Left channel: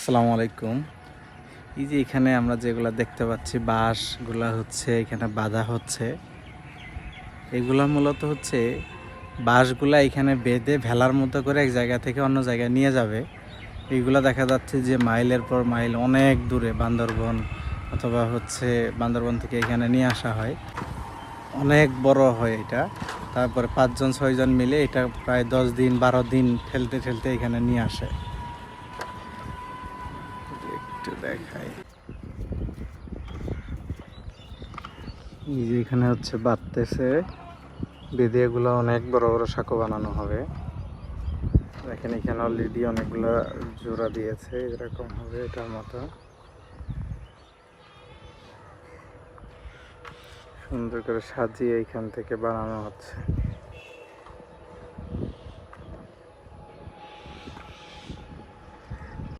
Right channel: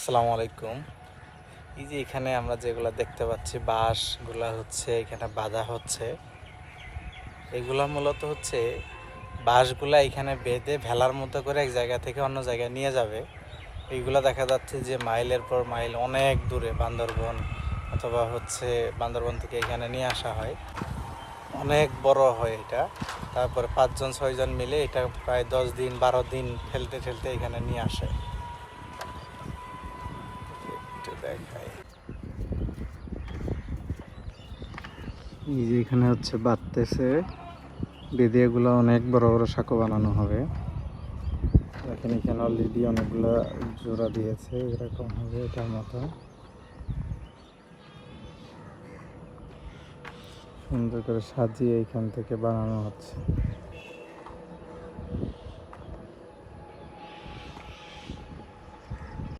আসসালামু আলাইকুম। এই যে এখানে আমরা যেগুলা দেখতে পাচ্ছি বাঁশগুলা হচ্ছে এখানে বাঁধা হচ্ছে। এগুলা মূলত হচ্ছে বাঁশগুলা এখানে বেঁধে ভেলার মতো করে এক জায়গা থেকে অন্য জায়গায় নিয়ে যাবে। এগুলা দেখা যাচ্ছে যে মাইলের পর মাইল অনেক দূরে বান্দরবন অথবা হচ্ছে বান্দরবন থেকে এখানে নিয়ে আসা হয়। অনেক বড় হয় এটা। তারপর 5-6 জন মিলে এটা প্রায় 10 দিন 12 দিন ঠেলতে ঠেলতে এখানে নিয়ে আসে। একটু দেখাই। এই যে এখানে হচ্ছে বাঁধতেছে, বেঁধে এগুলো অনেক বড় বড় সাঁকো বানানো হবে। দেখেন এখানে অলরেডি অনেকগুলো জোড়া দিয়েছে, এরকম হবে এটার মতো। সুন্দর করে সাজিয়ে এখান থেকে বানানো হচ্ছে।